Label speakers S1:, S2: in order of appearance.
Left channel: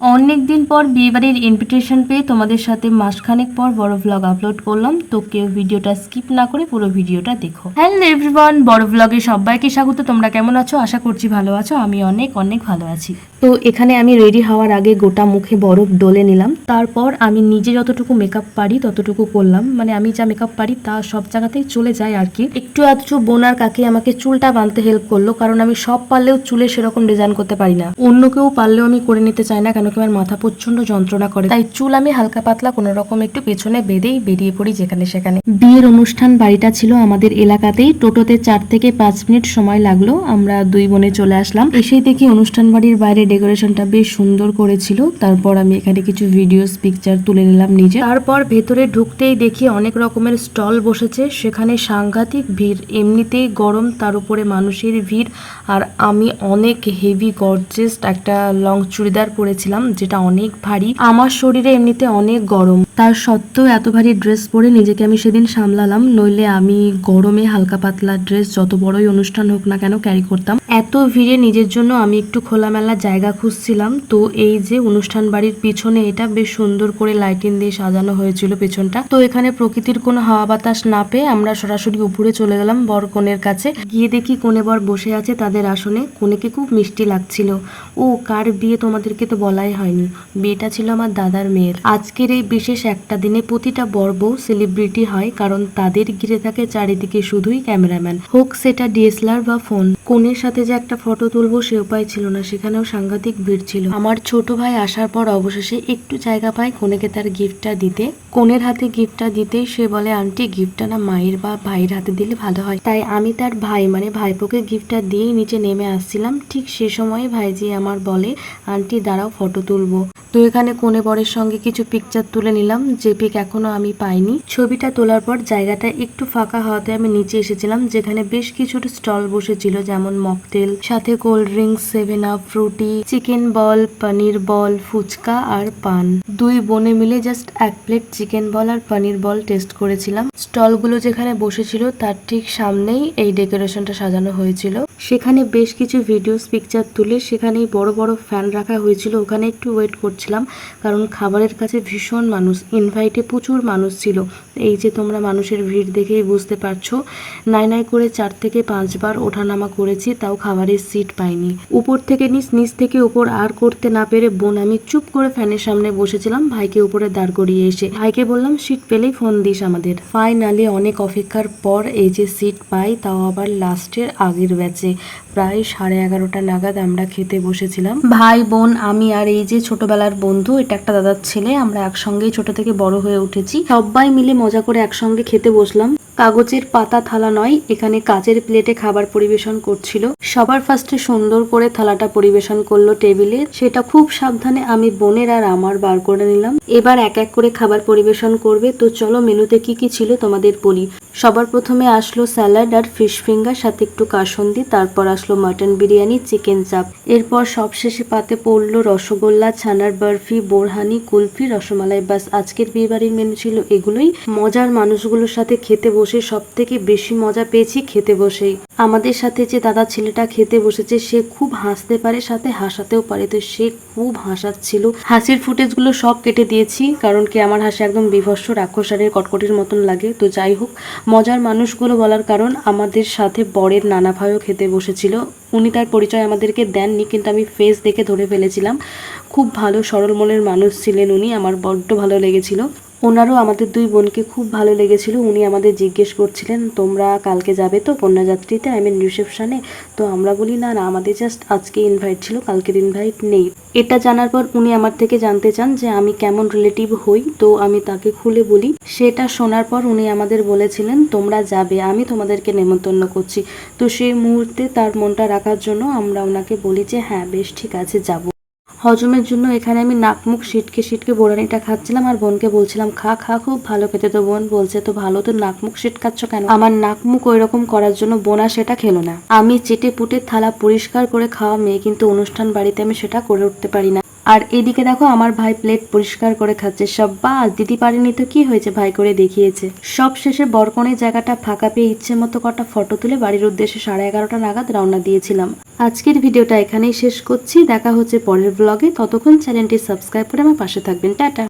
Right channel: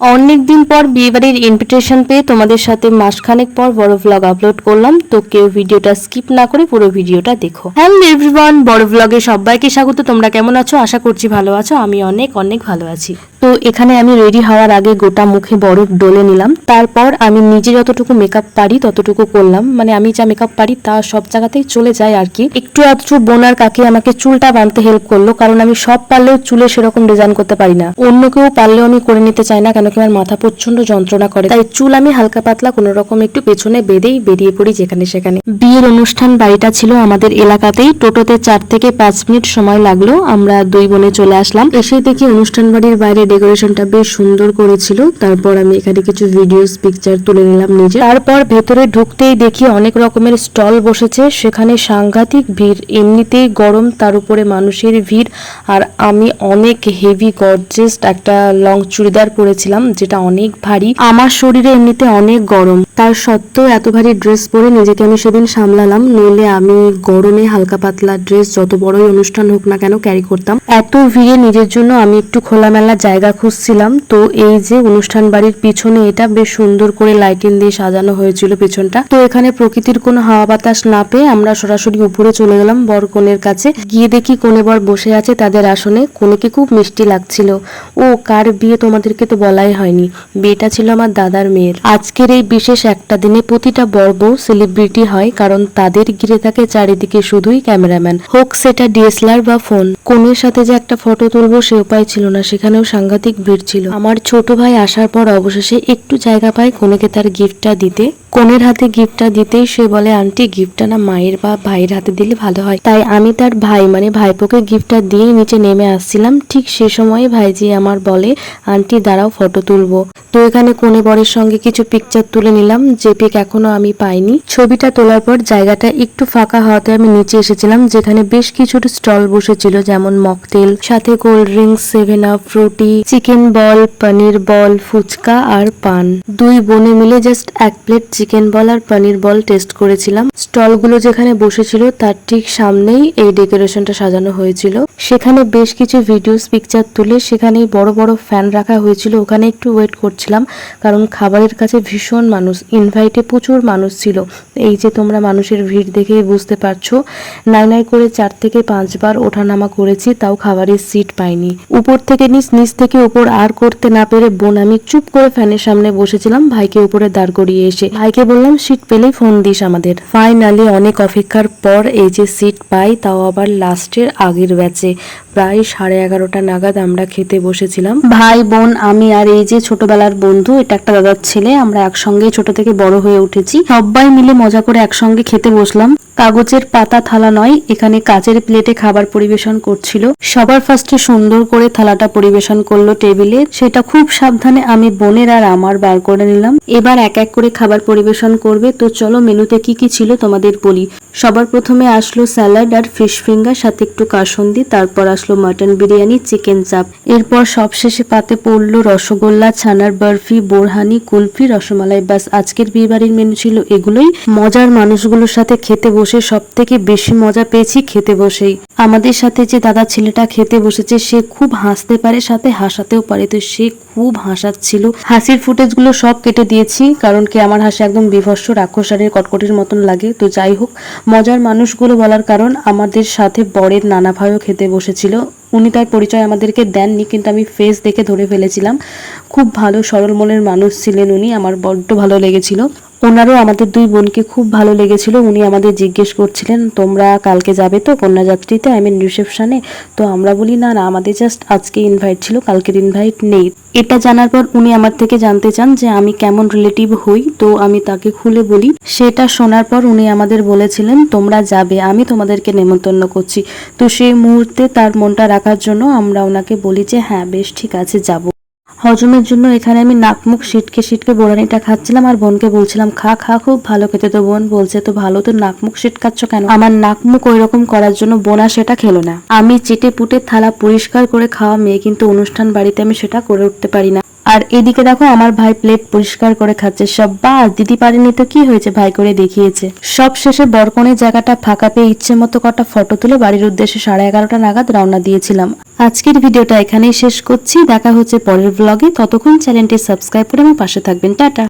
S1: অনেকদিন পর বিয়েবাড়ির ইনভিটেশন পেয়ে তোমাদের সাথে মাসখানেক পর বড় ভ্লগ আপলোড করলাম। তো কেউ ভিডিওটা স্কিপ না করে পুরো ভিডিওটা দেখো। হ্যালো এভরিওয়ান বড় ভ্লগে সবাইকে স্বাগত। তোমরা কেমন আছো? আশা করছি ভালো আছো। আমি অনেক অনেক ভালো আছি। তো এখানে আমি রেডি হওয়ার আগে গোটা মুখে বরফ ডলে নিলাম। তারপর আমি নিজে যতটুকু মেকআপ পারি ততটুকু করলাম। মানে আমি যা মেকআপ পারি তা সব জায়গাতেই চলে যায় আর কি। একটু আধটু বোনার কাকি আমাকে চুলটা বাঁধতে হেল্প করল, কারণ আমি সব পারলেও চুলে সেরকম ডিজাইন করতে পারি না। অন্য কেউ পারলেও আমি করে নিতে চাই না কেন কি আমার মাথা প্রচণ্ড যন্ত্রণা করে। তাই চুল আমি হালকা পাতলা কোনো রকম একটু পেছনে বেঁধেই বেরিয়ে পড়ি যেখানে সেখানে। বিয়ের অনুষ্ঠান বাড়িটা ছিল আমাদের এলাকাতেই। টোটোতে চার থেকে পাঁচ মিনিট সময় লাগল। আমরা দুই বোনে চলে আসলাম। এসে দেখি অনুষ্ঠান বাড়ির বাইরে ডেকোরেশনটা বেশ সুন্দর করেছিল। তারপর আমি এখানে কিছু ভিডিওস পিকচার তুলে নিলাম নিজে। তারপর ভেতরে ঢুকতেই দেখি অনেক রকমের স্টল বসেছে। সেখানে সাংঘাতিক ভিড়, এমনিতেই গরম, তার উপরে মানুষের ভিড়। আর আমি অনেক হেভি গর্জেস্ট একটা লং চুড়িদার পরেছিলাম, যেটা অনেক ভারী। আমার শরীরে এমনিতে অনেক গরম। তার সত্ত্বেও এত ভারী ড্রেস পরে নিজেকে আমি সেদিন সামলালাম। নইলে আমি গরমে হালকা পাতলা ড্রেস যত বড়ই অনুষ্ঠান হোক না কেন ক্যারি করতাম। এত ভিড়ে নিজের জন্য আমি একটু খোলামেলা জায়গা খুঁজছিলাম। তো এই যে অনুষ্ঠান বাড়ির পিছনে এটা বেশ সুন্দর করে লাইটিং দিয়ে সাজানো হয়েছিল পেছনটা। তো এখানে প্রকৃতির কোনো হাওয়া বাতাস না পেয়ে আমরা সরাসরি উপরে চলে গেলাম বর কনের কাছে। গিয়ে দেখি কোনে বর বসে আছে তাদের আসনে। কোনেকে খুব মিষ্টি লাগছিল। ও, কার বিয়ে তোমাদেরকে তো বলাই হয়নি। বিয়েটা ছিল আমার দাদার মেয়ের। আজকের এই বিশেষ একটা দিনে প্রতিটা বর বউ সেলিব্রিটি হয় কারণ তাদের ঘিরে থাকে চারিদিকে শুধুই ক্যামেরাম্যান। হোক সেটা ডিএসএলআর বা ফোন। কোনের সাথে যে একটা ফটো তুলবো সে উপায় ছিল না। সেখানেও সাংঘাতিক ভিড় ছিল। আমার ছোট ভাই আসার পর অবশেষে একটু জায়গা পায় কোনেকে তার গিফটটা দিতে। কোনের হাতে গিফটটা দিতেই সে বলে, আন্টি, গিফটটা না মায়ের বা ভাইয়ের হাতে দিলে ভালো হয়। তাই আমি তার ভাই মানে ভাইপোকে গিফটটা দিয়ে নিচে নেমে আসছিলাম। ঠিক সে সময় ভাইজি আমার বলে, আন্টি, দাঁড়াও, ফটো তুলবো। তো এখানে কোনে বরের সঙ্গে কিছু পিকচার তুলে নিলাম, যে পিক এখনও আমি পাইনি। ছবিটা তোলার পর জায়গাটা একটু ফাঁকা হওয়াতে আমি নিচে এসেছিলাম, যেখানে বেশ কিছু স্টল বসেছিল, যেমন মকটেল, সাথে cold drinks, seven up Frooti chicken ball, paneer ball, phuchka আর পান। দুই বোনে মিলে জাস্ট এক প্লেট চিকেন বল আর পনির বল টেস্ট করেছিলাম। স্টলগুলো যেখানে বসেছিল তার ঠিক সামনেই এই ডেকোরেশনটা সাজানো হয়েছিল। সেখানে বেশ কিছু ভিডিওস পিকচার তুলে সেখানেই বড় বড় ফ্যান রাখা হয়েছিল। ওখানে একটু ওয়েট করছিলাম, কারণ খাবারের কাছে ভীষণ মানুষ ইনভাইটে প্রচুর মানুষ ছিল। এই যে তোমরা মানুষের ভিড় দেখেই বুঝতে পারছ, নাই নাই করে চার থেকে পাঁচবার ওঠানামা করেছি, তাও খাবারের সিট পাইনি। উপর থেকে নিচ নিচ থেকে উপর আর করতে না পেরে বোন, আমি চুপ করে ফ্যানের সামনে বসেছিলাম, ভাইকে উপরে দাঁড় করিয়ে এসে। ভাইকে বললাম, সিট পেলেই ফোন দিস আমাদের। ফাইনালি অনেক অপেক্ষার পর এই যে সিট পাই, তাও আবার লাস্টের আগের ব্যাচে প্রায় সাড়ে এগারোটা নাগাদ আমরা খেতে বসেছিলাম। ভাই, বোন, আমি আর এই যে ছোটবেলার বন্ধু, এটা একটা দাদার ছেলে, আমরা একসঙ্গে ছোট থেকে বড় হয়ে উঠেছি। সবাই মিলে মজা করে একসঙ্গে খেতে বসলাম। কাগজের পাতা থালা নয়, এখানে কাচের প্লেটে খাবার পরিবেশন করছিল। সবার ফার্স্টে সুন্দর করে থালাটা পরিবেশন করল টেবিলে। সেটা খুব সাবধানে আমি বোনের আর আমার বার করে নিলাম। এবার এক এক করে খাবার পরিবেশন করবে। তো চলো, মেনুতে কি কি ছিল তোমাদের বলি। সবার প্রথমে আসলো স্যালাড আর ফিশ ফিঙ্গার, সাথে একটু কাসন্দি, তারপর আসলো মাটন বিরিয়ানি, চিকেন চাপ। এরপর সবশেষে পাতে পড়ল রসগোল্লা, ছানার বরফি, বোরহানি, কুলফি, রসমালাই। ব্যাস, আজকের বিয়েবাড়ির মেনু ছিল এগুলোই। মজার মানুষগুলোর সাথে খেতে বসে সব থেকে বেশি মজা পেয়েছি খেতে বসেই। আমাদের সাথে যে দাদা ছেলেটা খেতে বসেছে, সে খুব হাসতে পারে, সাথে হাসাতেও পারে। তো সে খুব হাসাচ্ছিল হাসির ফুটেজগুলো সব কেটে দিয়েছি, কারণ কি আমার হাসি একদম বিভৎস রাক্ষসারের কটকটির মতন লাগে। তো যাই হোক, মজার মানুষগুলো বলার কারণ, আমাদের সাথে বরের নানা ভাইও খেতে বসেছিল। উনি তার পরিচয় আমাদেরকে দেননি, কিন্তু আমি ফেস দেখে ধরে ফেলেছিলাম। খুব ভালো সরল মনের মানুষ ছিলেন উনি, আমার বড্ড ভালো লেগেছিল। ওনারও আমাদের দুই বোনকে খুব ভালো লেগেছিল। উনি আমাদের জিজ্ঞেস করছিলেন, তোমরা কালকে যাবে তো কন্যাযাত্রীতে? আই মিন রিসেপশনে তো আমরা বলি, না না, আমাদের জাস্ট আজকে ইনভাইট ছিল, কালকের ইনভাইট নেই। এটা জানার পর উনি আমার থেকে জানতে চান যে আমি কেমন রিলেটিভ হই, তো আমি তাকে খুলে বলি। সেটা শোনার পর উনি আমাদের বলেছিলেন, তোমরা যাবে, আমি তোমাদেরকে নেমন্তন্ন করছি। তো সেই মুহূর্তে তার মনটা রাখার জন্য আমরা ওনাকে বলি যে হ্যাঁ বেশ, ঠিক আছে, যাব। হজমের জন্য এখানে আমি নাক মুখ সিটকে সিটকে বোরানিটা খাচ্ছিলাম আর বোনকে বলছিলাম, খা খা, খুব ভালো খেতে তো বোন। বলছে তো ভালো, তো নাক মুখ সিটকাচ্ছ কেন? আমার নাক মুখ ওই রকম করার জন্য বোনা সেটা খেলো না। আমি চেটে পুটে থালা পরিষ্কার করে খাওয়া মেয়ে, কিন্তু অনুষ্ঠান বাড়িতে আমি সেটা করে উঠতে পারি না। আর এদিকে দেখো, আমার ভাই প্লেট পরিষ্কার করে খাচ্ছে। সব বা দিদি পারেনি তো কি হয়েছে? ভাই করে দেখিয়েছে। সব শেষে বরকনের জায়গাটা ফাঁকা পেয়ে ইচ্ছে মতো কটা ফটো তুলে বাড়ির উদ্দেশ্যে সাড়ে এগারোটা নাগাদ রওনা দিয়েছিলাম। আজকের ভিডিওটা এখানেই শেষ করছি। দেখা হচ্ছে পরের ব্লগে ততক্ষণ চ্যানেলটি সাবস্ক্রাইব করে আমার পাশে থাকবেন। টাটা।